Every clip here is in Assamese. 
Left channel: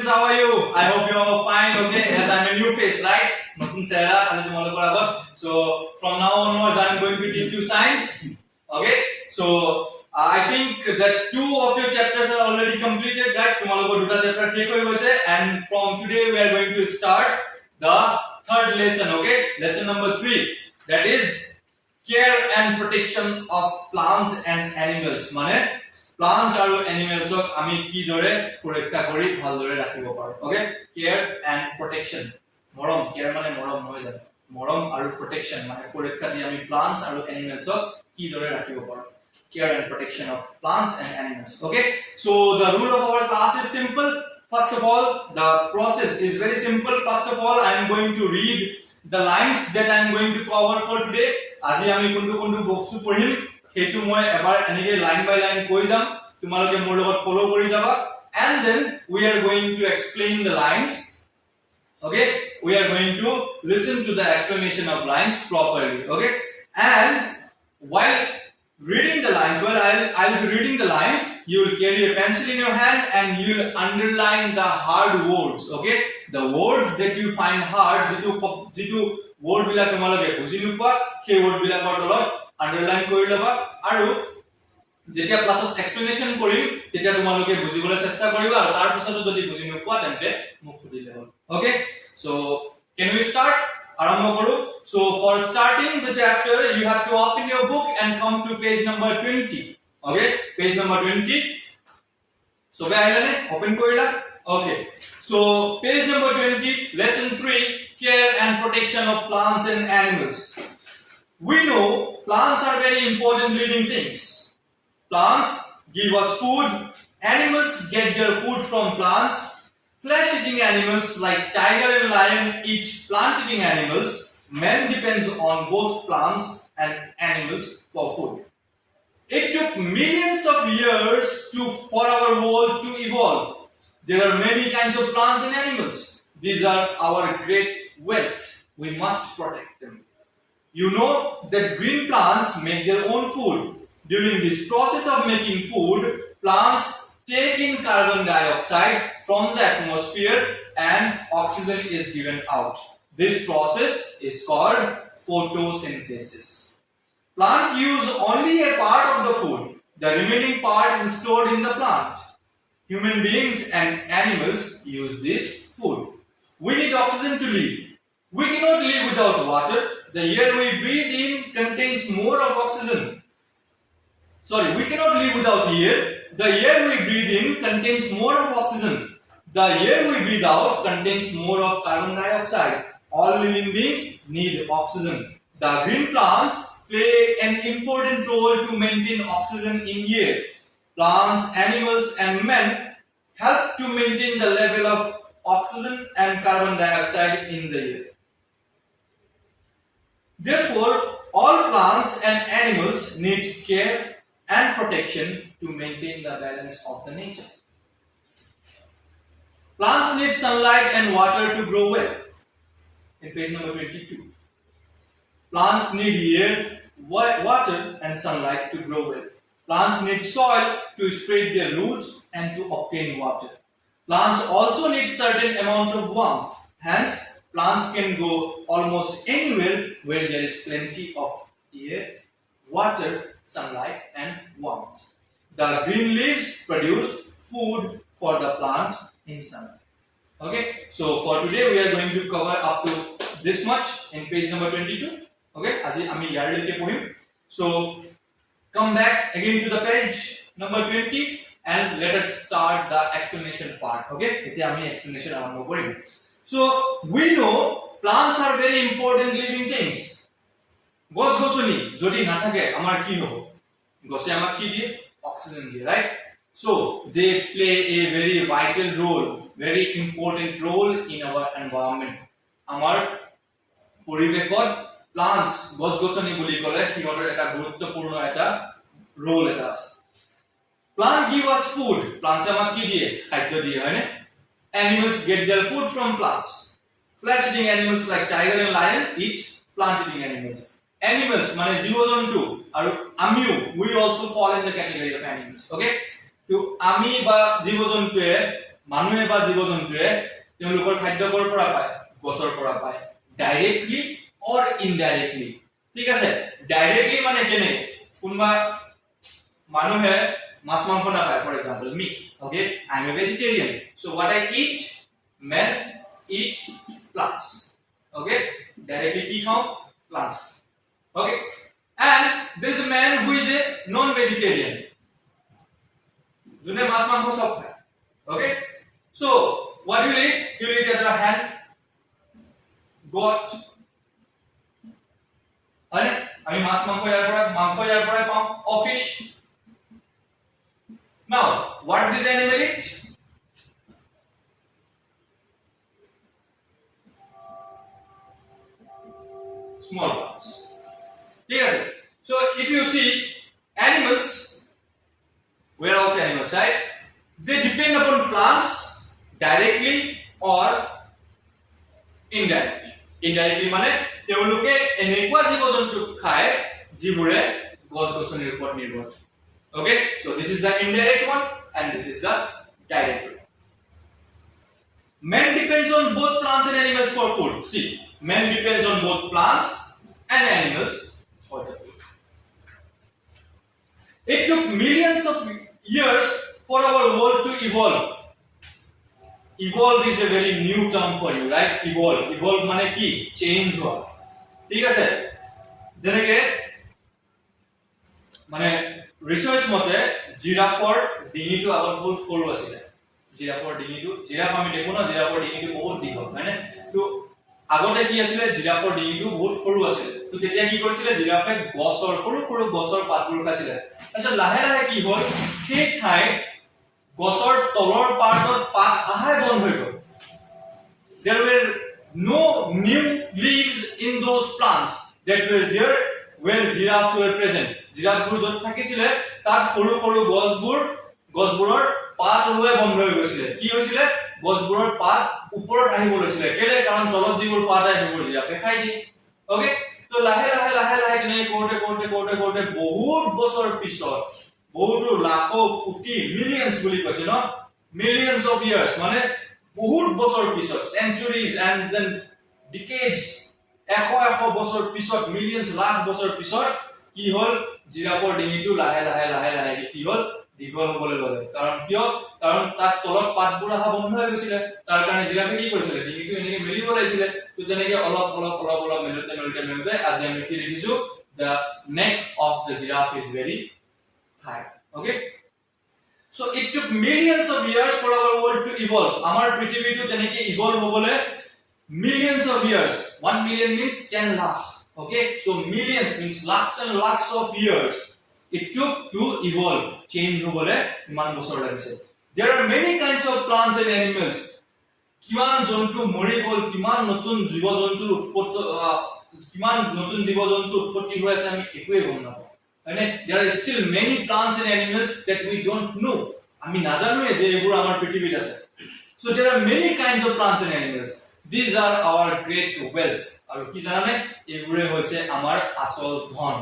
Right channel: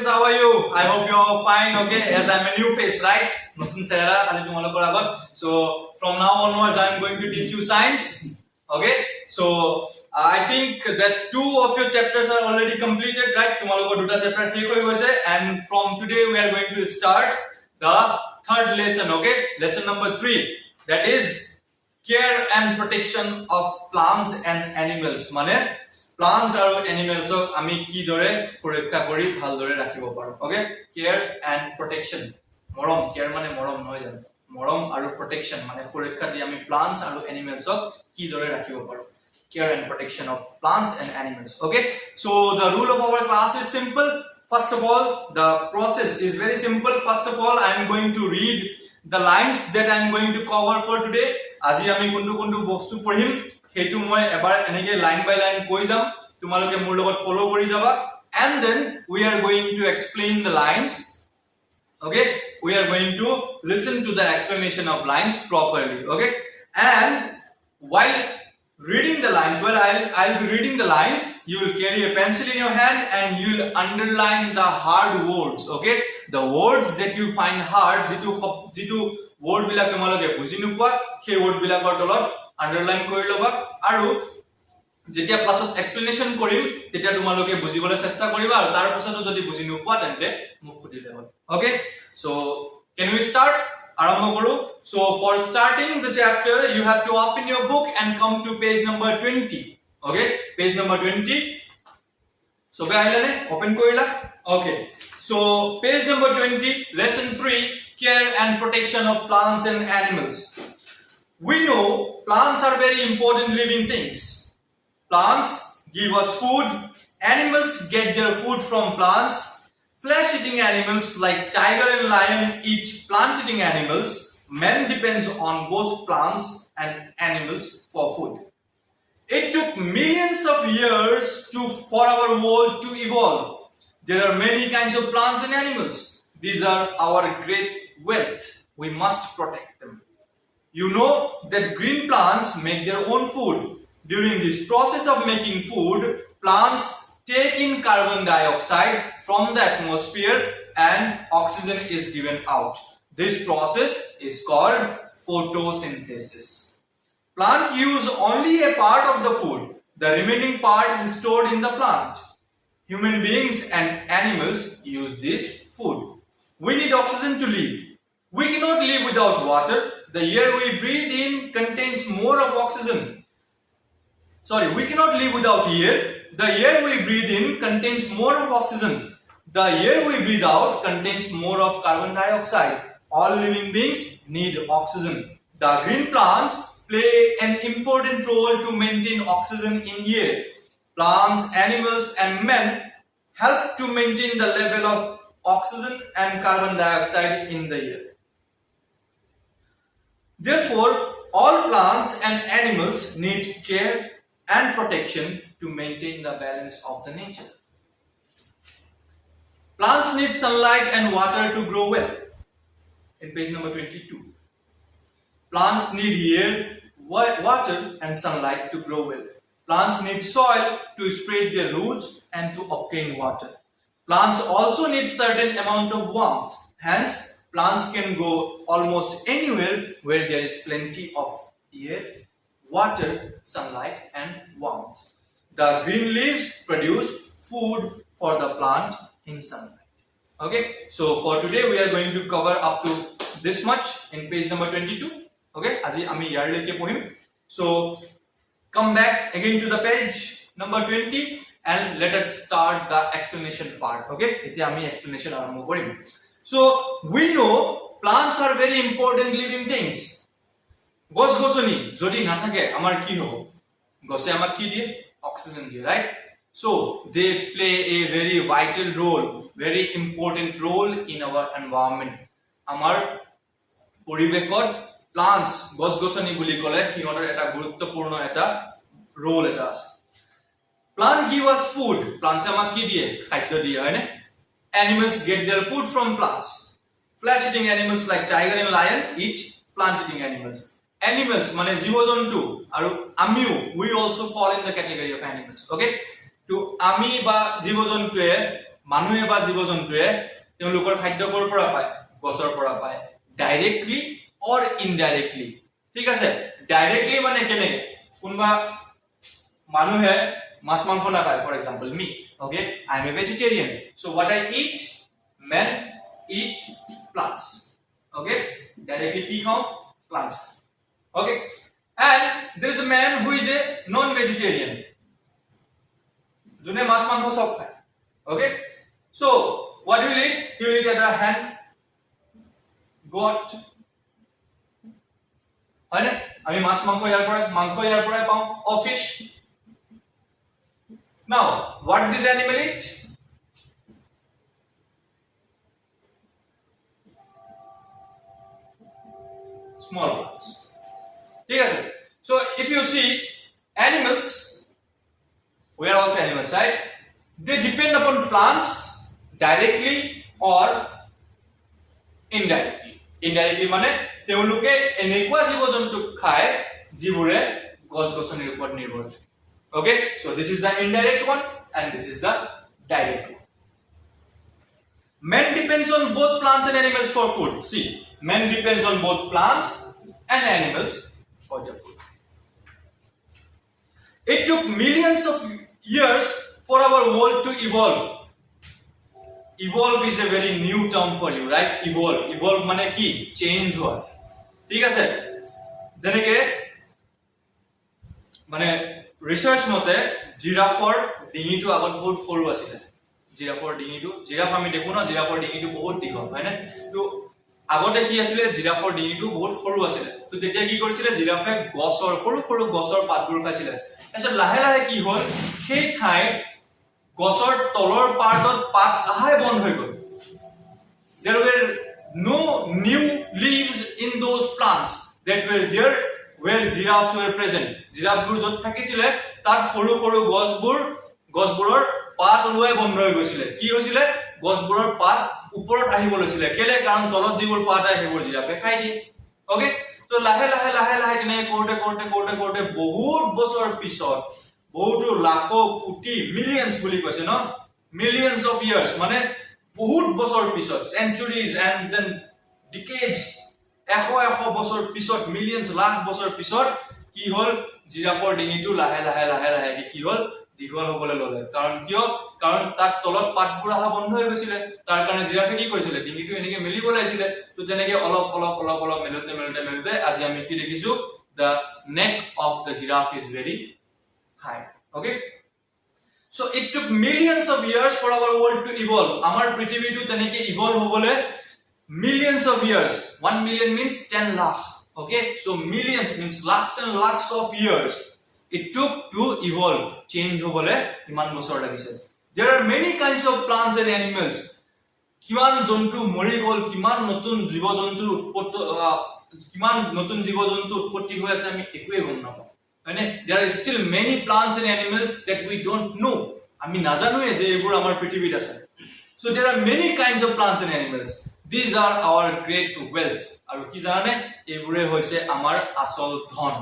students, how are you? I hope you're all fine, okay? As I'm a new face, right? Notun Sarah, so from now onwards, I'm going to teach you science, okay? So I think that 2 of your chapters are already completed, right? Tomorrow duta chapter and from today we are going to start the third lesson, okay? Lesson number 3, that is care and protection of plants and animals. Mane plants আৰু animals ok ami ki dore সুৰক্ষা কৰি ভাল দৰে ৰাখিব পাৰো okay care and protection মৰম care মানে মৰম নহয় জানো মৰম আৰু protection মানে সুৰক্ষা দি আমি plants আৰু animals ok কি দৰে ৰাখিব পাৰো care and protection of plants and animals okay so the rule of our class is simple first of all the process is very simple first of all I am going to read the lines that I am going to cover for today আজি আমি কোনটো কোনটো বস্তু পঢ়িম হেতু মই এবাৰ এনেকে লাইন বাই লাইন কৈ যাম তোমালোকে মোৰ লগত ফলো কৰি যাবা and then we are going to explain the lines okay we are going to listen to the explanation of lines properly okay and while reading the lines I'll be reading the lines you will carry a pencil in your hand and you will underline the hard words okay the words that you find hard jitu word bila তোমালোকে বুজি নোপোৱা সেই word বিলাকৰ তলত underline কৰি লবা আৰু যেতিয়া ক্লাছত এক্সপ্লেনেশন কৰিম তেতিয়া তোমালোকে বুজিবলৈ চেষ্টা কৰিবা আৰু তাৰ পিছতো যদি বুজি নোপোৱা তেন্তে মোক সুধিলে হ'ল okay so can we start আৰম্ভ কৰো so for starting the chapter you have to open your book and come to page number 20 okay page number 20 so be ailane open korila okay so page number 20 lesson 3 care and protection of plants and animals we know plants are very important living things plants give us food animals get their food from plants flesh-eating animals like tiger and lion eat plant-eating animals man depends on both plants and animals for food it took millions of years for our world to evolve there are many kinds of plants and animals these are our great wealth we must protect them you know that green plants make their own food during this process of making food plants take in carbon dioxide from the atmosphere and oxygen is given out this process is called photosynthesis plant use only a part of the food the remaining part is stored in the plant human beings and animals use this food we need oxygen to live we cannot live without water the air we breathe in contains more of oxygen we cannot live without air the air we breathe in contains more of oxygen the air we breathe out contains more of carbon dioxide all living beings need oxygen the green plants play an important role to maintain oxygen in air plants animals and men help to maintain the level of oxygen and carbon dioxide in the air therefore all plants and animals need care and protection to maintain the balance of the nature plants need sunlight and water to grow well in page number 22 plants need air water and sunlight to grow well plants need soil to spread their roots and to obtain water plants also need certain amount of warmth hence plants can go almost anywhere where there is plenty of air water sunlight and warmth the green leaves produce food for the plant in sunlight okay so for today we are going to cover up to this much in page number 22 okay aji ami yar leke pohim so come back again to the page number 20 and let us start the explanation part okay ete ami explanation arambho korim so we know plants are very important living things গছ গছনি যদি না থাকে আমার কি হবে গছে আমাক কি দিয়ে অক্সিজেন দিয়ে right so they play a very vital role very important role in our environment আমাৰ পৰিবেশত plants গছ গছনি বুলি ক'লে হিহঁতৰ এটা গুৰুত্বপূৰ্ণ এটা role এটা আছে plant give us food plants আমাক কি দিয়ে খাদ্য দিয়ে হয়নে animals get their food from plants flesh eating animals like tiger and lion eat plant eating animals animals মানে জীৱ-জন্তু আৰু আমিও we also fall in the category of animals okay to আমি বা জীৱ-জন্তুৱে মানুহে বা জীৱ-জন্তুৱে তেওঁলোকৰ খাদ্য কৰ পৰা পায় গছৰ পৰা পায় ডাইৰেক্টলি অৰ ইনডাইৰেক্টলি ঠিক আছে ডাইৰেক্টলি মানে কেনে কোনবা মানুহে মাছ মাংস নাখায় for example me okay I am a vegetarian so what I eat men eat plants okay directly কি খাও plants okay and there is a man who is a non vegetarian jone mas mangkho sob khaye okay so what will eat he will eat at the hand goat ane ami mas mangkho yar pora pao or fish now what this animal eat small parts yes so if you see animals we are also animals right they depend upon plants directly or indirectly মানে তেওঁলোকে এনেকুৱা জীৱ-জন্তু খায় যিবোৰে গছ-গছনিৰ ওপৰত নিৰ্ভৰ okay so this is the indirect one and this is the direct one man depends on both plants and animals for food see man depends on both plants and animals for their food it took millions of years for our world to evolve evolve is a very new term for you right evolve মানে কি change হোৱা ঠিক আছে যেনেকে মানে ৰিসাৰ্চ মতে জিৰাফৰ ডিঙিটো আগত বহুত সৰু আছিল জিৰাফৰ ডিঙিটো জিৰাফ আমি দেখো না জিৰাফৰ ডিঙিটো বহুত দীঘল হয়নে তো আগতে কি আছিল জিৰাফৰ ডিঙিটো বহুত সৰু আছিল তো তেতিয়া কি কৰিছিল জিৰাফে গছৰ সৰু গছৰ পাতবোৰ খাইছিল তাৰপিছত লাহে লাহে কি হ'ল সেই ঠাই গছৰ তলৰ পাৰ্টত পাত আহাই বন্ধ হৈ গ'ল there were no new leaves in those plants that were there where giraffes were present জিৰাফবোৰ যত থাকিছিল তাত সৰু গছবোৰৰ পাত ওলোৱা বন্ধ হৈ গৈছিল কি হৈছিল গছবোৰৰ পাত ওপৰত আহিব লৈছিল কেলে কাৰণ তলত যিবোৰ পাত আহিবোৰ জিৰাফে খাই দিয়ে ওকে তো লাহে লাহে দিনে কোৰ্টে বহুত বছৰ পিছত বহুত লাখ কোটি মিলিয়নস বুলি কৈছে ন মিলিয়নস অফ ইয়াৰ্স মানে বহুত বছৰ পিছত centuries and then decades এশ বছৰ পিছত মিলিয়নস লাখ বছৰ পিছত কি হল জিৰাফৰ ডিঙিটো লাহে লাহে কি হল দীঘল হ'বলৈ ল'লে কাৰণ কিয় কাৰণ তাত তলত পাতবোৰ আহা বন্ধ হৈ গৈছিল তাৰ কাৰণে জিৰাফে কি কৰিছিল ডিঙিটো এনেকে মেলিব লাগিছিল তো তেনেকে অলপ মেলুতে আজি আমি কি দেখিছো the neck of the giraffe is very high okay so it took millions of years for our world to evolve amar prithibito teneke evolve hobole millions of years 1 million means 10 lakh okay so millions means lakhs and lakhs of years it took to evolve change hobole iman bosor lagise there are many kinds of plants and animals kiman jontu mori gol kiman notun jibo jontu utpotti hoye ase ami ekoi gom na মানে there are still many plants and animals that we don't know আমি নাজানো যে এবোৰ আমাৰ পৃথিৱীত আছে so there are many kinds of plants and animals these are our great wealth আৰু কি জানে এবোৰে হৈছে আমাৰ আসল ধন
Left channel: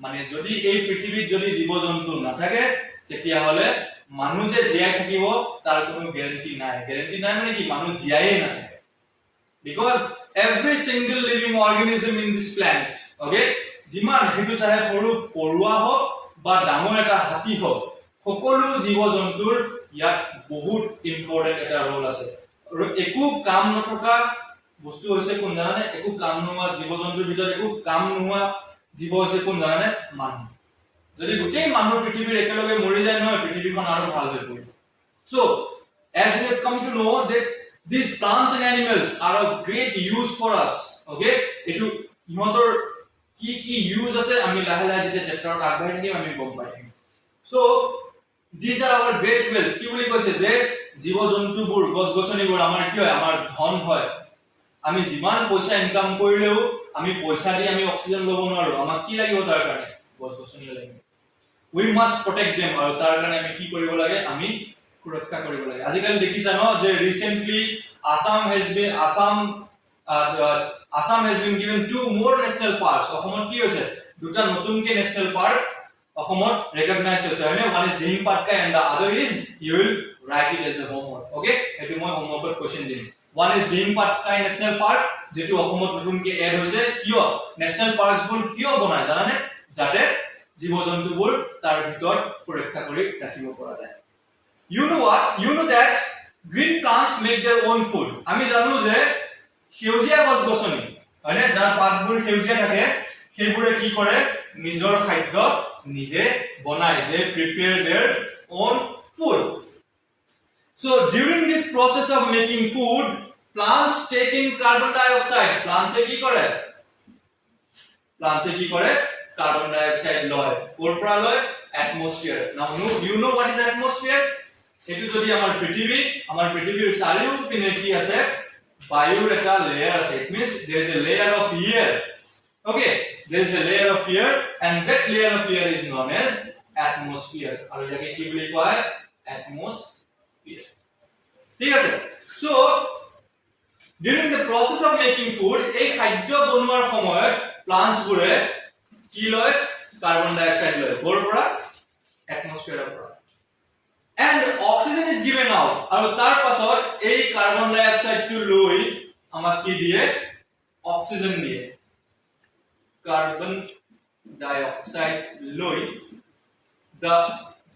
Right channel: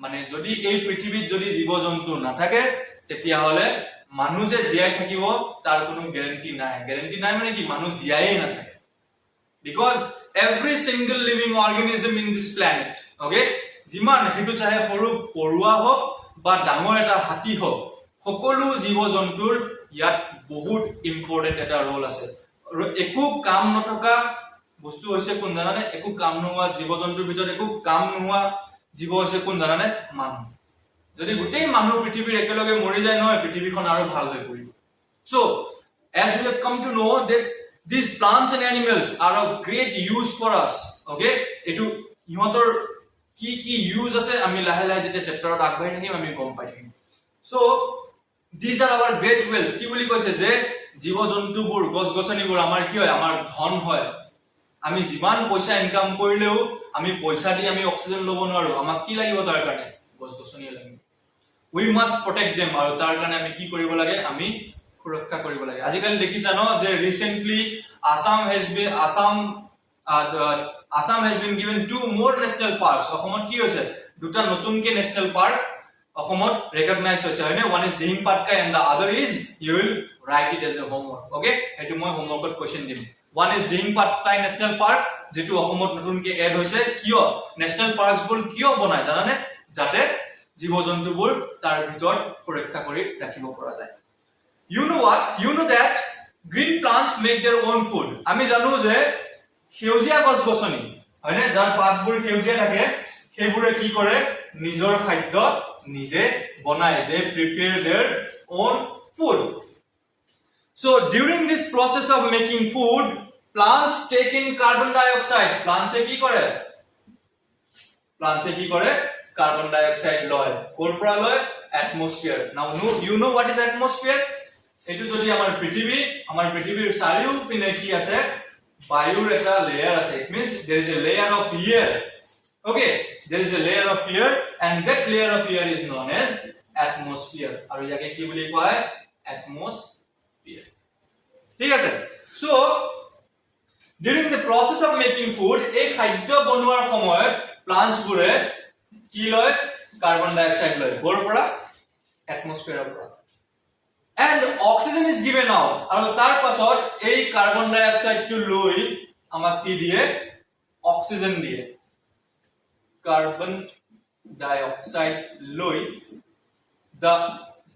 মানে যদি এই পৃথিৱীত যদি জীৱ-জন্তু নাথাকে তেতিয়া হলে মানুহ যে জীয়াই থাকিব তাৰ কোনো গ্যাৰান্টি নাই মানে কি মানুহ জীয়াই নাথাকে because every single living organism in this planet okay জিমান হেতু চাহে সৰু পৰুৱা হওক বা ডাঙৰ এটা হাতী হওক সকলো জীৱ-জন্তুৰ ইয়াত বহুত ইম্পৰ্টেন্ট এটা ৰোল আছে আৰু একো কাম নথকা বস্তু হৈছে কোন জানানে একো কাম নোহোৱা জীৱ-জন্তুৰ ভিতৰত একো কাম নোহোৱা জীৱ হৈছে কোন জানানে মানুহ যদি গোটেই মানুহ পৃথিৱীৰ একেলগে মৰি যায় নহয় পৃথিৱীখন আৰু ভাল হৈ পৰিব so as we have come to know that these plants and animals are of great use for us okay etu ইহঁতৰ কি ইউজ আছে আমি লাহে লাহে যেতে চ্যাপ্টাৰত আগবাঢ়ি থাকিম আমি গম পাই থাকিম so these are our great wealth কি বুলি কৈছে যে জীৱ-জন্তুবোৰ গছ-গছনিবোৰ আমাৰ কি হয় আমাৰ ধন হয় আমি যিমান পইচা ইনকাম কৰিলেও আমি পইচা দি আমি অক্সিজেন ল'ব নোৱাৰো আমাক কি লাগিব তাৰ কাৰণে গছ-গছনি লাগিব we must protect them আৰু তাৰ কাৰণে আমি কি কৰিব লাগে আমি সুৰক্ষা কৰিব লাগে আজিকালি দেখিছা ন যে recently Assam has been given 2 more national parks অসমত কি হৈছে দুটা নতুনকে ন্যাশনাল পার্ক অসমত ৰেকগনাইজ হৈছে হয়নে one is Dihing Patkai and the other is you will write it as a homework okay এটো মই হোমৱৰ্কত কোৱেশ্চন দিম one is Dihing Patkai national park যেটো অসমত নতুনকৈ এড হৈছে কিয় নেশ্যনেল পাৰ্কছবোৰ কিয় বনায় জানানে যাতে জীৱ-জন্তুবোৰ তাৰ ভিতৰত সুৰক্ষা কৰি ৰাখিব পৰা যায় you know that green plants make their own food আমি জানো যে সেউজীয়া গছ-গছনি হয়নে যাৰ পাতবোৰ সেউজীয়া থাকে সেইবোৰে কি কৰে নিজৰ খাদ্য নিজে বনায় they prepare their own food so during this process of making food plants take in carbon dioxide plants কি কৰে carbon dioxide লয় ক'ৰ পৰা লয় atmosphere now you know what is atmosphere এটো যদি আমাৰ পৃথিৱীৰ চাৰিওপিনে কি আছে বায়ুৰ এটা লেয়াৰ আছে it means there is a layer of air okay there is a layer of air and that layer of air is known as atmosphere আৰু ইয়াকে কি বুলি কয় atmosphere ঠিক আছে so during the process of making food এই খাদ্য বনোৱাৰ সময়ত plants বোৰে কি লয় কাৰ্বন ডাই অক্সাইড লয় ক'ৰ পৰা atmosphere পৰা and oxygen is given out আৰু তাৰ পাছত এই কাৰ্বন ডাই অক্সাইড টো লৈ আমাক কি দিয়ে অক্সিজেন দিয়ে কাৰ্বন ডাই অক্সাইড লৈ the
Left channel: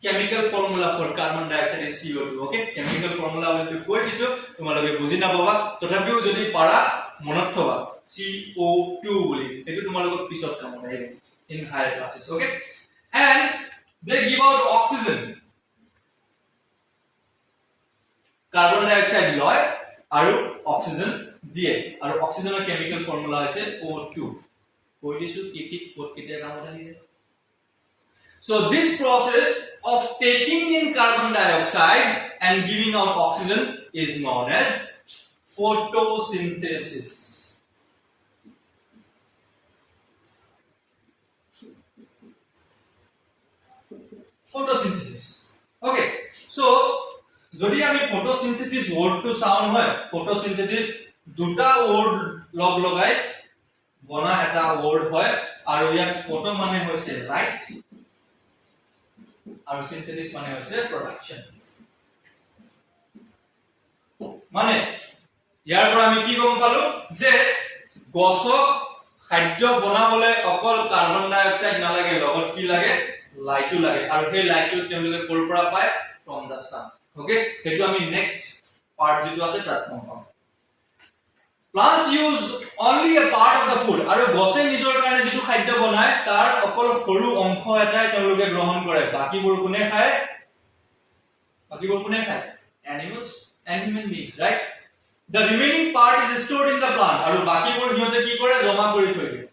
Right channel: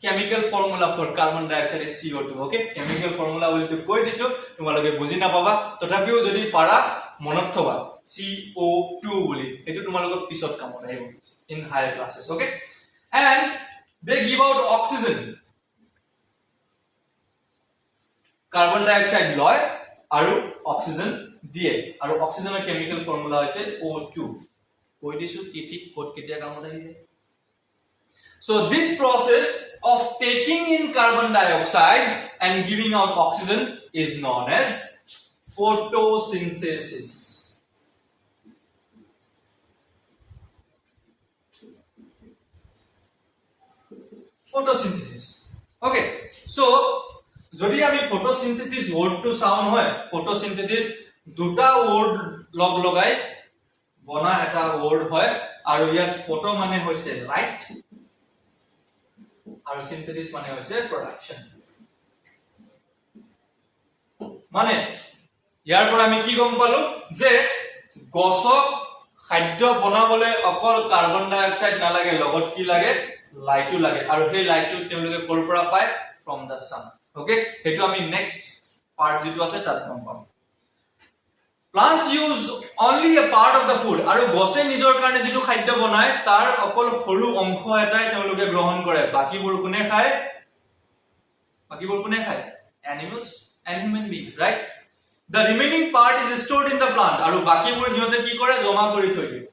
chemical formula for carbon dioxide is CO2 okay chemical formula will be কৈ দিছো তোমালোকে বুজি নাপাবা তথাপিও যদি পাৰা মনত থবা CO2 বুলি এটো তোমালোকক পিছত কামত আহিব in higher classes okay and they give out oxygen carbon dioxide লয় আৰু অক্সিজেন দিয়ে আৰু অক্সিজেনৰ কেমিক্যাল ফৰ্মুলা হৈছে O2 কৈ দিছো কি ঠিক ক'ত কেতিয়া কামত আহিছে so this process of taking in carbon dioxide and giving out oxygen is known as photosynthesis okay so যদি আমি ফটোসিনথেসিস ওয়ার্ডটো চাও নহয় ফটোসিনথেসিস দুটা ওয়ার্ড লগ লগাই বনা এটা ওয়ার্ড হয় আৰু ইয়াত ফটো মানে হৈছে লাইট আৰু সিনথেসিস মানে হৈছে প্ৰডাকশন মানে ইয়াৰ পৰা আমি কি গম পালো যে গছক খাদ্য বনাবলৈ অকল কাৰ্বন ডাই অক্সাইড নালাগে লগত কি লাগে লাইটও লাগে আৰু সেই লাইটটো তেওঁলোকে ক'ৰ পৰা পায় from the sun okay hetu ami next part jitu ase tat kom pam plants use only a part of the food aru gose nijor karone jitu khadya banay tar okol horu onkho etai teluge grohon kore baki bor kune khaye animals and human beings right the remaining part is stored in the plant aru baki bor hiote ki kore joma kori thoi die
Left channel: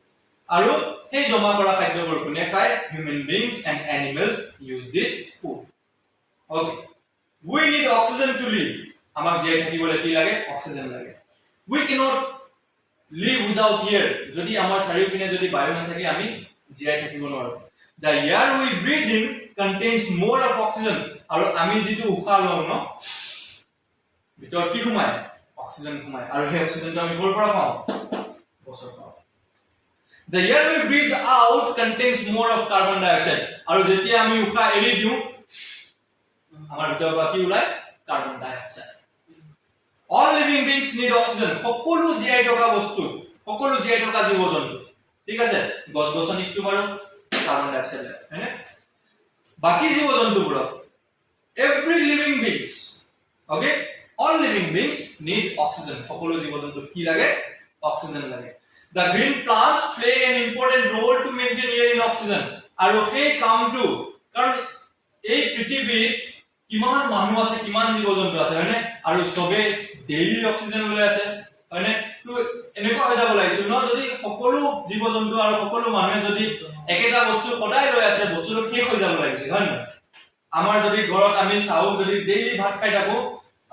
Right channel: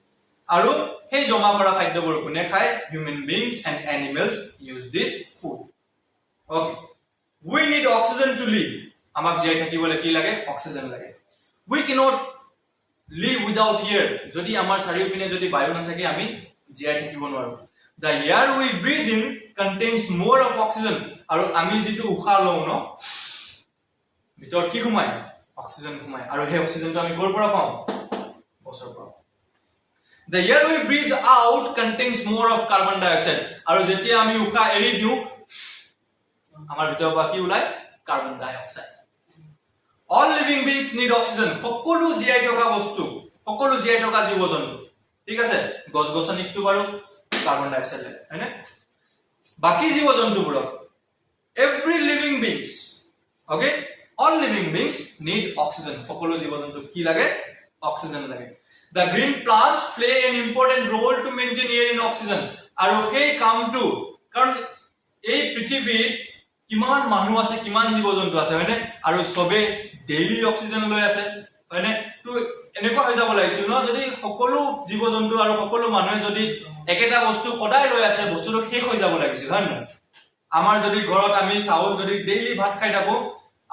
aru hey joma kora khadya bor kune khaye human beings and animals use this food okay we need oxygen to live amak jai thakibole ki lage oxygen lage we cannot live without air jodi amar saripine jodi bayu na thake ami jai thakibo noaru the air we breathe in contains more of oxygen aru ami jitu ukha lou no bitor ki khumai oxygen khumai aru he oxygen to ami kor pora pao bosor pao the air we breathe out contains more of carbon dioxide aru jetia ami ukha eri diu amar bitor pa ki ulai carbon dioxide all living beings need oxygen সকলো জিআই থকা বস্তু সকলো জিআই থকা জীৱ-জন্তু ঠিক আছে গছ-গছনি কি বাৰো কাৰ্বন ডাই অক্সাইড হয়নে বাকি জীৱ-জন্তুবোৰ every living beings okay all living beings need oxygen সকলো জীৱ-জন্তু কি লাগে oxygen লাগে the green plants play an important role to maintain air in oxygen আৰু সেই কামটো কাৰণ এই পৃথিৱীত কিমান মানুহ আছে কিমান জীৱ-জন্তু আছে হয়নে আৰু সবে ডেইলি অক্সিজেন লৈ আছে হয়নে তো এনেকুৱা হৈ যাব লাগিছিল ন যদি সকলো জীৱ-জন্তু আৰু সকলো মানুহে যদি একেটা বস্তু সদায় লৈ আছে বস্তুটো শেষ হৈ যাব লাগিছিল হয় না আমাৰ যদি ঘৰত আমি চাউল যদি ডেইলি ভাত খাই থাকো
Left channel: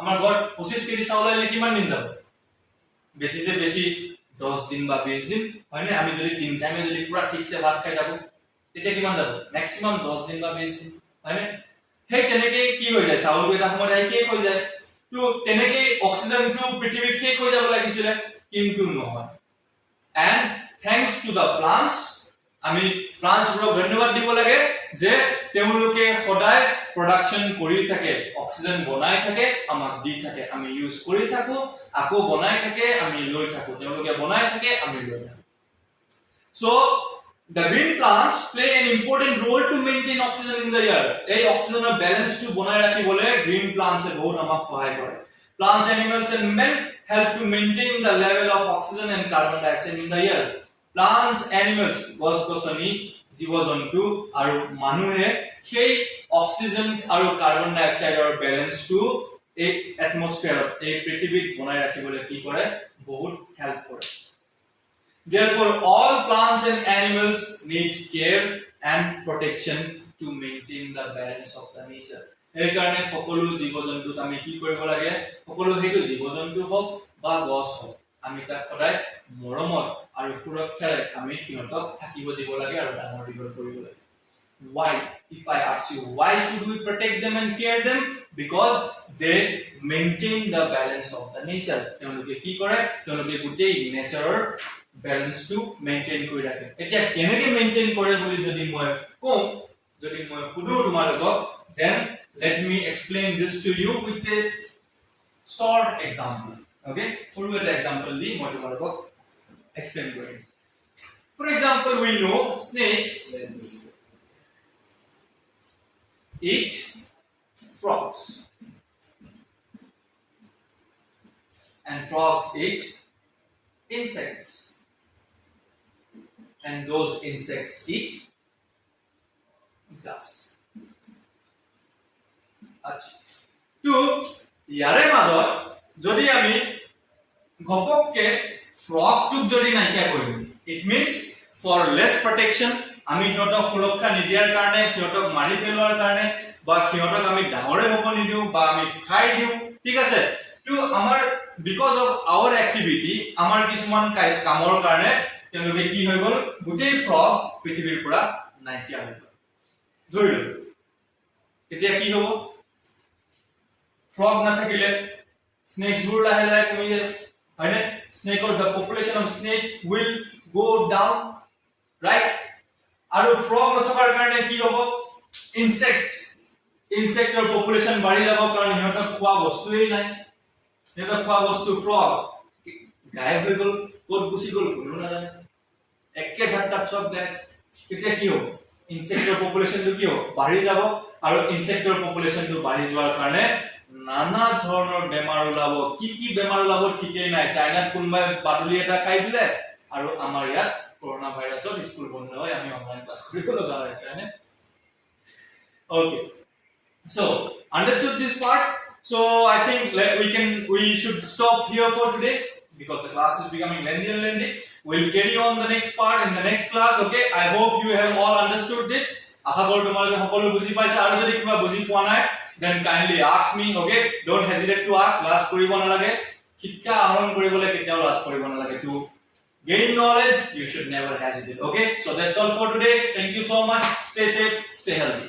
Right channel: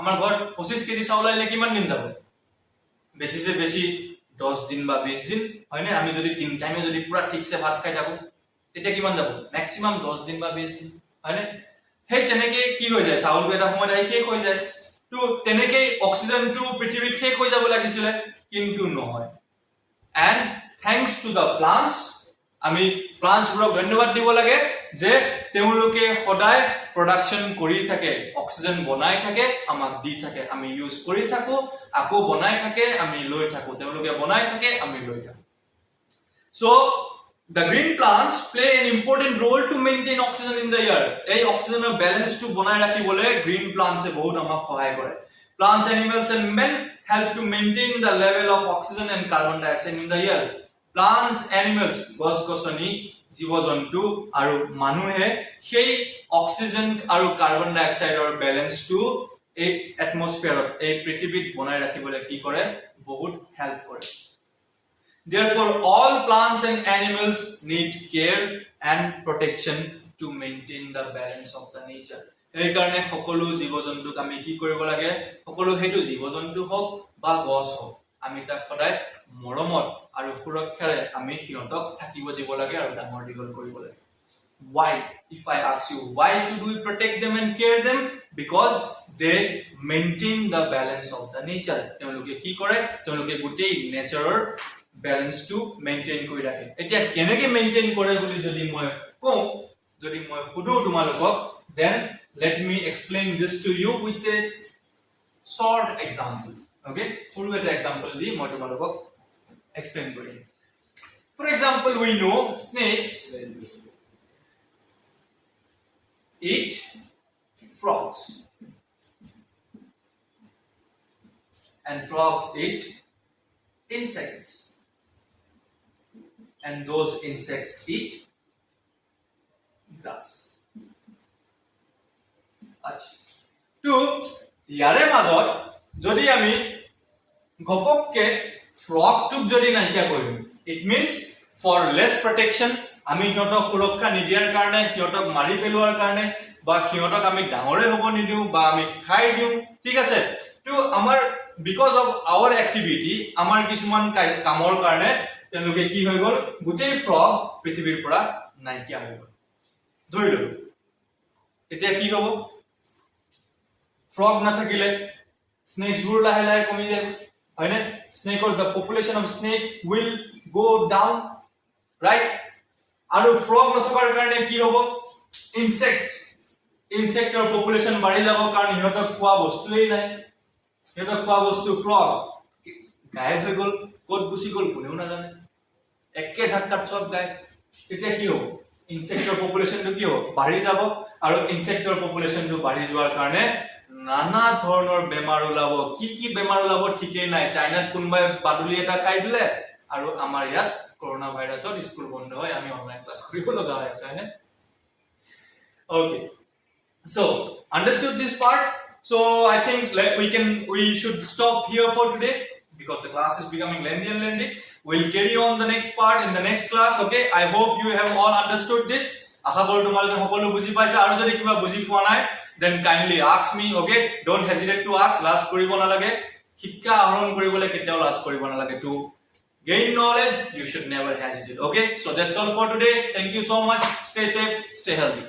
আমাৰ ঘৰত 25 কেজি চাউল আইলে কিমান দিন যাব বেছিছে বেছি 10 দিন বা 20 দিন হয়নে আমি যদি তিন টাইমে যদি পুৰা ঠিকছে ভাত খাই থাকো তেতিয়া কিমান যাব ম্যাক্সিমাম 10 দিন বা 20 দিন হয়নে হেই তেনেকে কি হৈ যায় চাউল এটা সময় যাই শেষ হৈ যায় তো তেনেকে অক্সিজেন টু পৃথিৱীত শেষ হৈ যাব লাগিছিল কিন্তু নহয় and thanks to the plants আমি প্লান্টছবোৰক ধন্যবাদ দিব লাগে যে তেওঁলোকে সদায় প্ৰডাকশন কৰি থাকে অক্সিজেন বনাই থাকে আমাক দি থাকে আমি ইউজ কৰি থাকো আকৌ বনাই থাকে আমি লৈ থাকো তেওঁলোকে বনাই থাকে আমি লৈ থাকো so the green plants play an important role to maintain oxygen in the air এই অক্সিজেনৰ ব্যালেন্স টু বনাই ৰাখিবলৈ green plants এ বহুত আমাক সহায় কৰে plants animals and men help to maintain the level of oxygen and carbon dioxide in the air plants animals গছ গছনি জীৱ জন্তু আৰু মানুহে সেই অক্সিজেন আৰু কাৰ্বন ডাই অক্সাইডৰ ব্যালেন্সটো এই এটমস্ফিয়াৰত এই পৃথিৱীত বনাই ৰাখিবলৈ কি কৰে বহুত হেল্প কৰে therefore all plants and animals need care and protection to maintain the balance of the nature এই কাৰণে সকলো জীৱ জন্তুক আমি কি কৰিব লাগে সকলো হেতু জীৱ জন্তু হওক বা গছ হওক আমি তাক সদায় মৰমত আৰু সুৰক্ষাৰে আমি সিহঁতক থাকিব দিব লাগে আৰু ডাঙৰ দীঘল কৰিব লাগে why if I ask you why should we protect them and care them because they maintain the balance of the nature তেওঁলোকে কি কৰে তেওঁলোকে গোটেই নেচাৰৰ ব্যালেন্সটো মেইনটেইন কৰি ৰাখে এতিয়া কেনেকৈ মেইনটেইন কৰে বুলি যদি মই কওঁ যদি মই সুধো তোমালোকক then let me explain this to you with a short example okay সৰু এটা example দি মই তোমালোকক explain কৰিম for example we know snakes eat frogs and frogs eat insects and those insects eat grass আচ্ছা তো ইয়াৰে মাজত যদি আমি গপককে ফ্ৰগটোক যদি নাইকিয়া কৰিম it means for less protection আমি সিহঁতক সুৰক্ষা নিদিয়াৰ কাৰণে সিহঁতক মাৰি পেলোৱাৰ কাৰণে বা সিহঁতক আমি ডাঙৰে হ'ব নিদিওঁ বা আমি খাই দিওঁ ঠিক আছে তো আমাৰ বিকজ অফ আৱাৰ এক্টিভিটি আমাৰ কিছুমান কামৰ কাৰণে তেওঁলোকে কি হৈ গ'ল গোটেই ফ্ৰগ পৃথিৱীৰ পৰা নাইকিয়া হৈ গ'ল ধৰি লওক এতিয়া কি হ'ব ফ্ৰগ নাথাকিলে স্নেকছবোৰ লাহে লাহে কমি যাব হয়নে স্নেকৰ the population of snake will go down right আৰু ফ্ৰগ নথকাৰ কাৰণে কি হ'ব ইনসেক্টৰ পপুলেশন বাঢ়ি যাব কাৰণ সিহঁতক খোৱা বস্তুৱেই নাই সিহঁতক খোৱা বস্তু ফ্ৰগ গায়ব হৈ গ'ল ক'ত গুচি গ'ল কোনেও নাজানে একে ঝাটকাত সব গায়ব তেতিয়া কি হ'ব ইনসেক্টৰ পপুলেশনটো কি হ'ব বাঢ়ি যাব আৰু ইনসেক্টৰ পপুলেশনটো বাঢ়ি যোৱাৰ কাৰণে নানা ধৰণৰ বেমাৰ ওলাব কি বেমাৰ ওলাব ঠিকই নাই চাইনাত কোনবাই বাদুলি এটা খাই দিলে আৰু আমাৰ ইয়াত কৰোনা ভাইৰাছৰ স্কুল বন্ধ হয় আমি অনলাইন ক্লাস কৰিব লগা হৈছে হয়নে okay so understood this part so I think we should stop here for today because the class is becoming lengthy and lengthy we'll carry on the next part in the next class okay I hope you have all understood this আশা কৰো তোমালোকে সকলো বুজি পাইছা আৰু যদি কিবা বুজি পোৱা নাই then kindly ask me okay don't hesitate to ask last কৰিব নালাগে শিক্ষা আহৰণ কৰিবলৈ কেতিয়াও last কৰিব নালাগে to gain knowledge you should never hesitate okay so that's all for today thank you so much stay safe stay healthy